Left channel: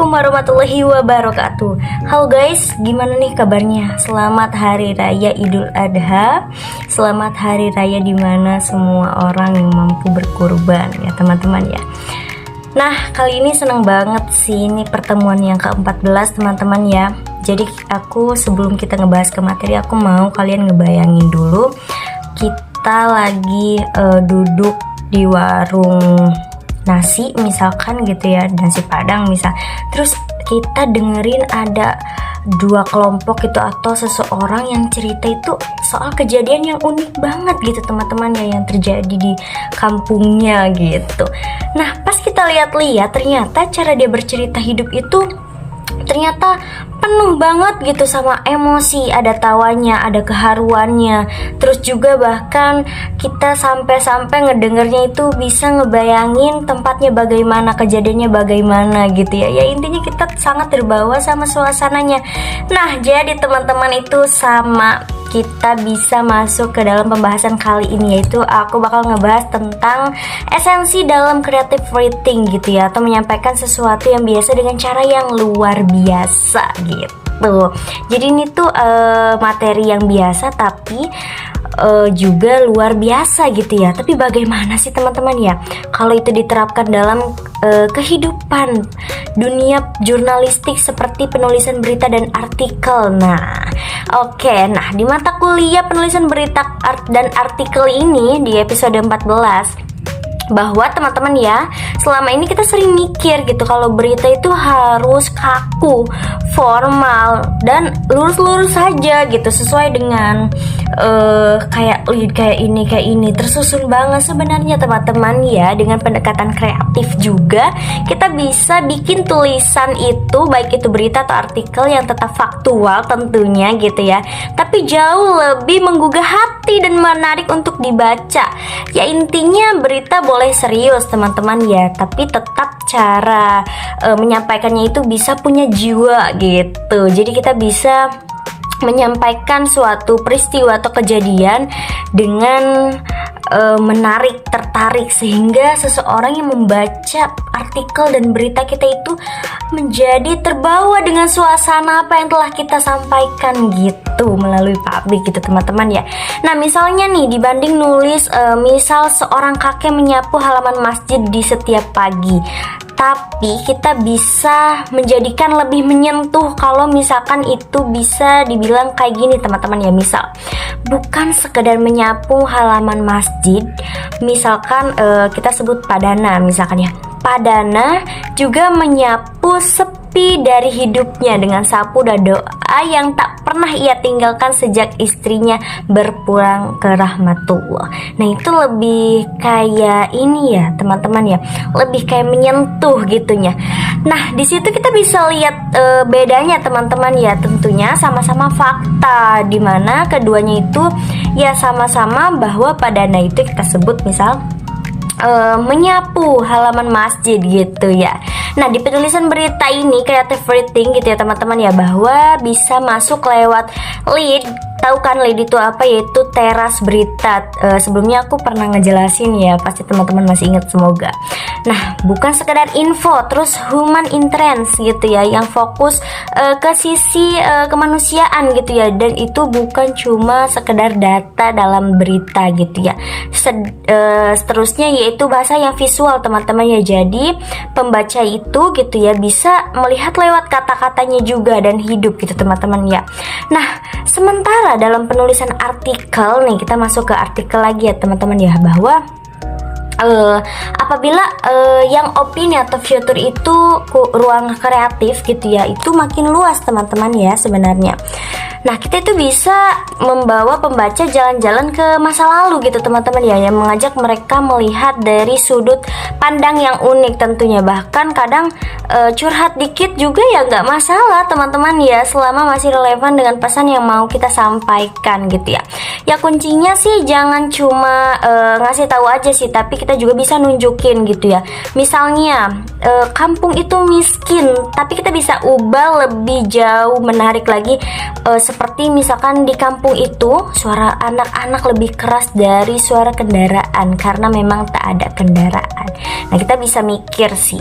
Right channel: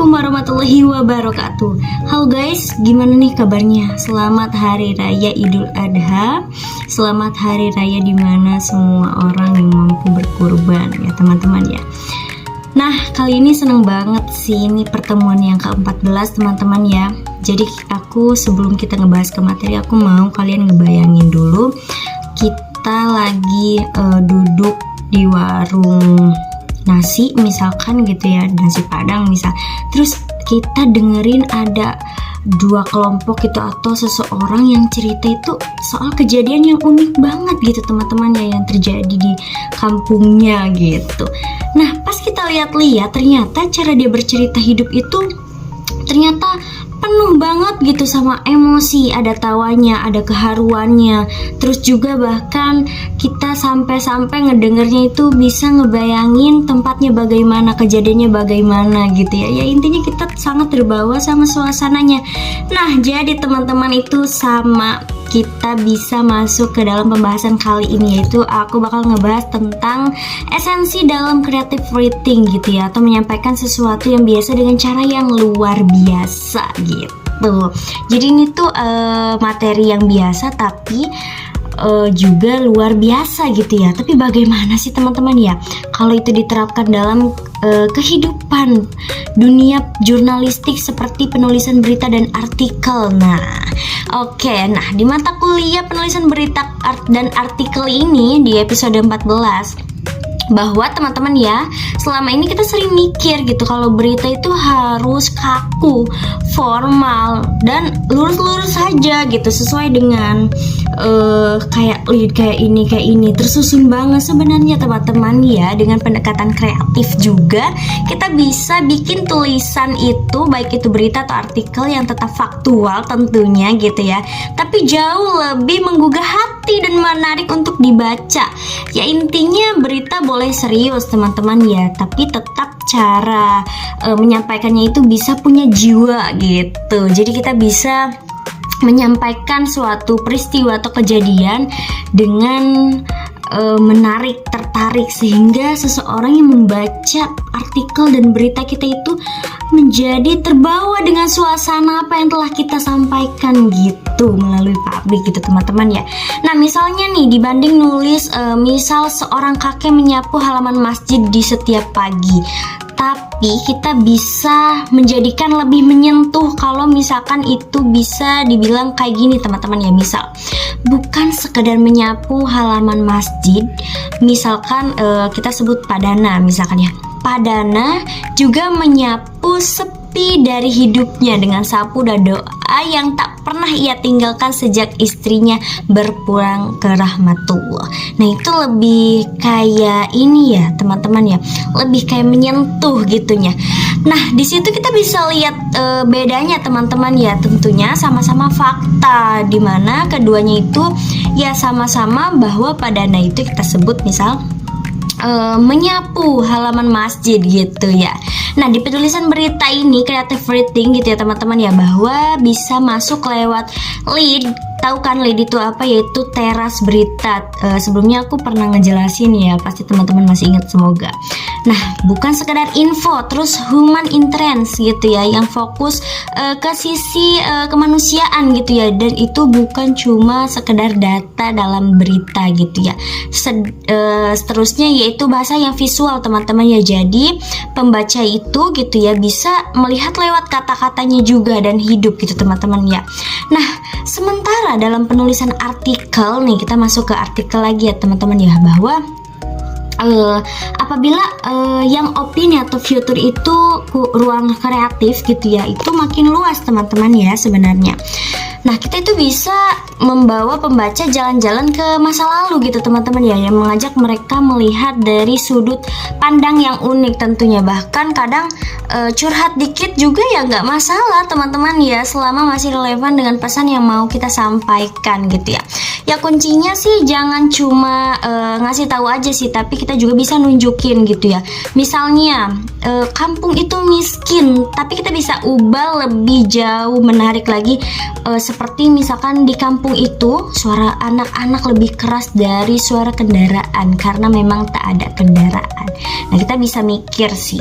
Assalamualaikum warahmatullahi wabarakatuh. Halo guys, gimana nih kabarnya? Selamat Hari Raya Idul Adha. Selamat Hari Raya dimana semua orang yang mampu berkurban ya teman-teman ya. Nah, kali ini seneng banget sih, ini pertemuan yang ke-14 teman-teman ya. Jadi aku sebelum kita ngebahas ke materi, aku mau kalian ngebayangin dulu kita lagi duduk di warung nasi misalkan gitu ya, nasi padang misal. Terus kita dengerin ada dua kelompok gitu atau seseorang yang cerita itu soal kejadian yang unik banget gitu teman-teman ya, yang terjadi di kampungnya gitu. Nah, pas kita lihat-lihat ternyata cara dia bercerita hidup itu ternyata penuh banget gitu sama emosi, ada tawanya, ada keharuannya. Terus juga bahkan kita sampai-sampai ngedengernya itu bisa ngebayangin tempatnya bagaimana, kejadiannya bagaimana gitu ya. Ya intinya kita sangat terbawa sama suasananya. Nah, jadi teman-teman itu sama kita bisa masuk ke dalam pembahasan kali ini, yaitu aku bakal ngebahas tentang esensi dalam creative writing gitu ya, atau menyampaikan sesuatu yang biasa dengan cara yang luar biasa gitu. Jadi ini tuh materi yang biasa tapi juga luar biasa gitu ya. Tapi bagaimana sih teman-teman ya kalau itu diterapkan dalam kehidupan dunia jurnalistik seperti penulisan berita dan artikel. Nah, oke, nah di mata kuliah penulisan berita dan artikel ini di episode 14, bahwa teman-teman ya, selama ini kita sering mikir gitu kalau berita itu harus kaku, formal, dan lurus-lurus saja gitu, sesuai dengan kayak ini tersusun banget. Sebenarnya teman-teman ya, dengan pendekatan kreatif juga kita bisa bikin tulisan itu, baik itu berita atau artikel, yang tetap faktual tentunya gitu ya, tapi jauh lebih menggugah hati dan menarik untuk dibaca. Ya intinya berita boleh serius teman-teman ya, tapi tetap cara menyampaikannya itu bisa punya jiwa gitu. Jadi kita bisa menyampaikan suatu peristiwa atau kejadian dengan menarik, tertarik, sehingga seseorang yang membaca artikel dan berita kita itu menjadi terbawa dengan suasana apa yang telah kita sampaikan gitu melalui publik gitu teman-teman ya. Nah, misalnya nih dibanding nulis misal seorang kakek menyapu halaman masjid di setiap pagi, tapi kita bisa menjadikan lebih menyentuh kalau misalkan itu bisa dibilang kayak gini teman-teman ya. Misal bukan sekedar menyapu halaman masjid, misalkan kita sebut Padana misalkan ya. Padana juga menyapu sepi dari hidupnya dengan sapu dan doa yang tak pernah ia tinggalkan sejak istrinya berpulang ke rahmatullah. Nah, itu lebih kayak ini ya teman-teman ya, lebih kayak menyentuh gitunya. Nah, di situ kita bisa lihat bedanya teman-teman ya, tentunya sama-sama fakta, dimana keduanya itu ya sama-sama bahwa Padana itu kita sebut misal menyapu halaman masjid gitu ya. Nah, di penulisan berita ini creative writing gitu ya teman-teman ya, bahwa bisa masuk lewat lead. Tahu kan lead itu apa? Yaitu teras berita. Sebelumnya aku pernah ngejelasin ya, pasti teman-teman masih ingat semoga. Nah, bukan sekedar info, terus human interest gitu ya, yang fokus ke sisi kemanusiaan gitu ya, dan itu bukan cuma sekedar data dalam berita gitu ya. Seterusnya yaitu bahasa yang visual teman-teman ya. Jadi pembaca itu gitu ya bisa melihat lewat kata-katanya juga dan hidup gitu teman-teman ya. Nah, sementara dalam penulisan artikel nih, kita masuk ke artikel lagi ya teman-teman ya, bahwa apabila yang opini atau future itu ruang kreatif gitu ya, itu makin luas teman-teman ya sebenarnya. Nah, kita itu bisa membawa pembaca jalan-jalan ke masa lalu gitu teman-teman ya, yang mengajak mereka melihat dari sudut pandang yang unik tentunya. Bahkan kadang curhat dikit juga ya nggak masalah teman-teman ya, selama masih relevan dengan pesan yang mau kita sampaikan gitu ya. Ya kuncinya sih jangan cuma ngasih tahu aja sih, tapi kita kita juga bisa nunjukin gitu ya. Misalnya kampung itu miskin, tapi kita bisa ubah lebih jauh menarik lagi, seperti misalkan di kampung itu suara anak-anak lebih keras dari suara kendaraan karena memang tak ada kendaraan. Nah, kita bisa mikir sih.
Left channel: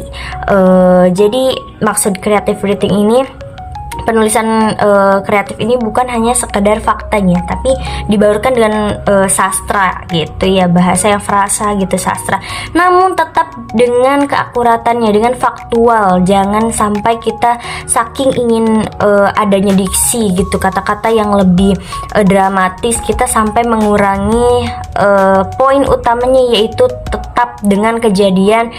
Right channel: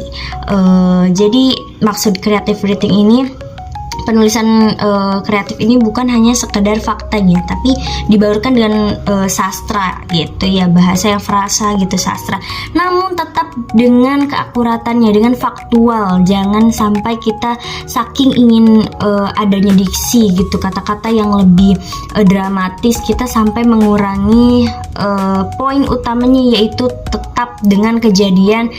Jadi maksud creative writing ini, penulisan kreatif ini bukan hanya sekedar faktanya, tapi dibaurkan dengan sastra gitu ya, bahasa yang frasa gitu, sastra. Namun tetap dengan keakuratannya, dengan faktual. Jangan sampai kita saking ingin adanya diksi gitu, kata-kata yang lebih dramatis, kita sampai mengurangi poin utamanya, yaitu tetap dengan kejadian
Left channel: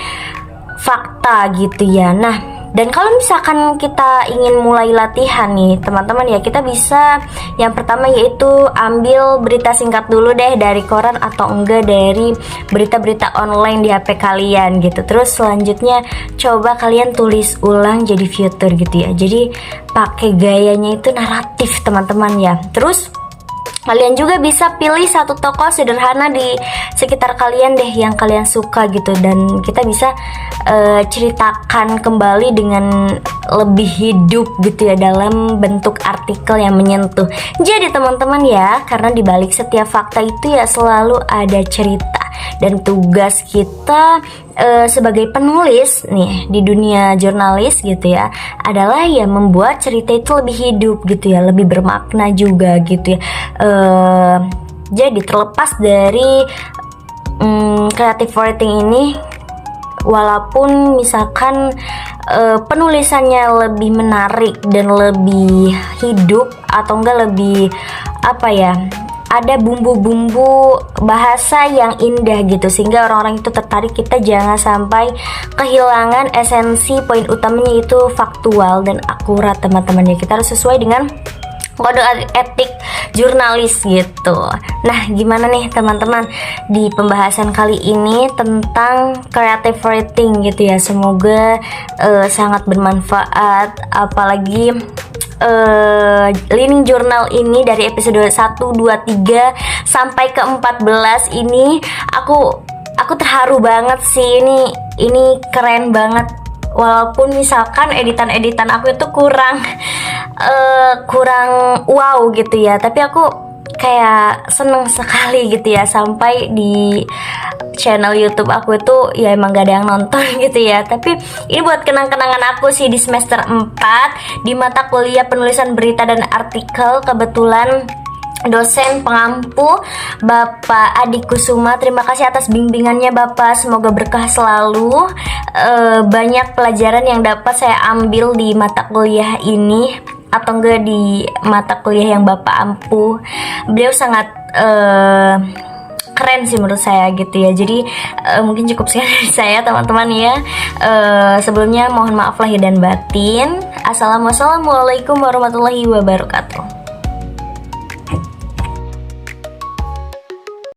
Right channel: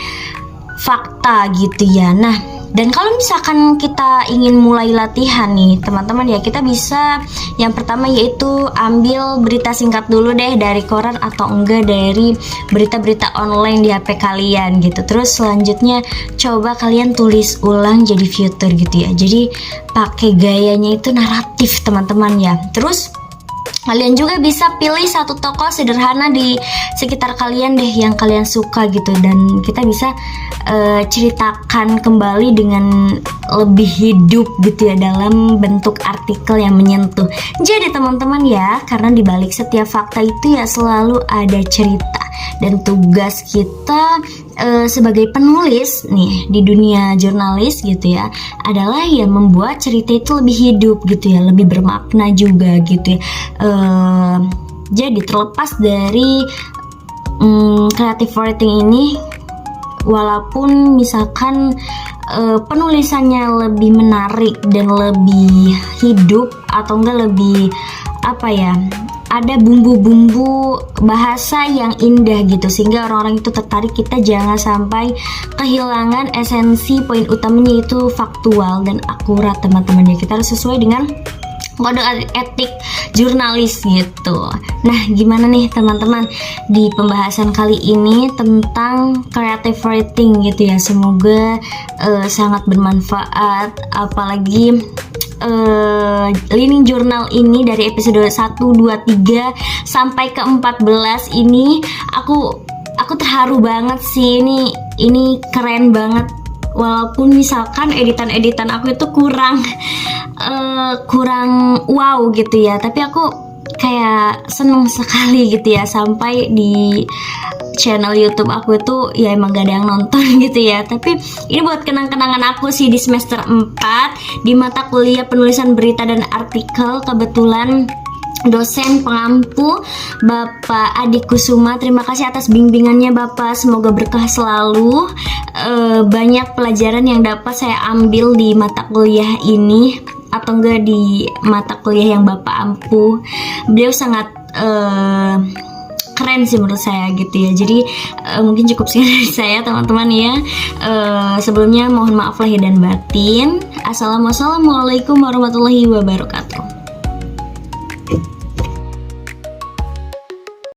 fakta gitu ya. Nah, dan kalau misalkan kita ingin mulai latihan nih teman-teman ya, kita bisa yang pertama yaitu ambil berita singkat dulu deh dari koran atau enggak dari berita-berita online di HP kalian gitu. Terus selanjutnya coba kalian tulis ulang jadi future gitu ya. Jadi pakai gayanya itu naratif teman-teman ya. Terus kalian juga bisa pilih satu tokoh sederhana di sekitar kalian deh yang kalian suka gitu, dan kita bisa ceritakan kembali dengan lebih hidup gitu ya, dalam bentuk artikel yang menyentuh. Jadi teman-teman ya, karena dibalik setiap fakta itu ya selalu ada cerita, dan tugas kita sebagai penulis nih di dunia jurnalis gitu ya adalah ya membuat cerita itu lebih hidup gitu ya, lebih bermakna juga gitu ya. Jadi terlepas dari creative writing ini, walaupun misalkan penulisannya lebih menarik dan lebih hidup atau enggak lebih apa ya, ada bumbu-bumbu bahasa yang indah gitu, sehingga orang-orang itu tertarik, kita jangan sampai kehilangan esensi poin utamanya, yaitu faktual dan akurat teman-teman ya. Kita harus sesuai dengan kode etik jurnalis gitu. Nah, gimana nih teman-teman di pembahasan kali ini tentang creative writing gitu ya. Semoga sangat bermanfaat, apalagi Learning Journal ini dari episode 1, 2, 3 sampai ke 14 ini aku terharu banget sih. Ini keren banget, walaupun misalkan editan aku itu kurang wow gitu ya, tapi aku kayak seneng sekali gitu ya, sampai di channel YouTube aku itu ya emang gak ada yang nonton gitu ya. Tapi ini buat kenang-kenangan aku sih di semester 4 di mata kuliah penulisan berita dan artikel. Kebetulan dosen pengampu Bapak Adi Kusuma, terima kasih atas bimbingannya Bapak, semoga berkah selalu. Banyak pelajaran yang dapat saya ambil di mata kuliah ini, atau enggak di mata kuliah yang Bapak ampu. Beliau sangat keren sih menurut saya gitu ya. Jadi mungkin cukup sekian dari saya teman-teman ya. Sebelumnya mohon maaf lahir dan batin. Assalamualaikum warahmatullahi wabarakatuh.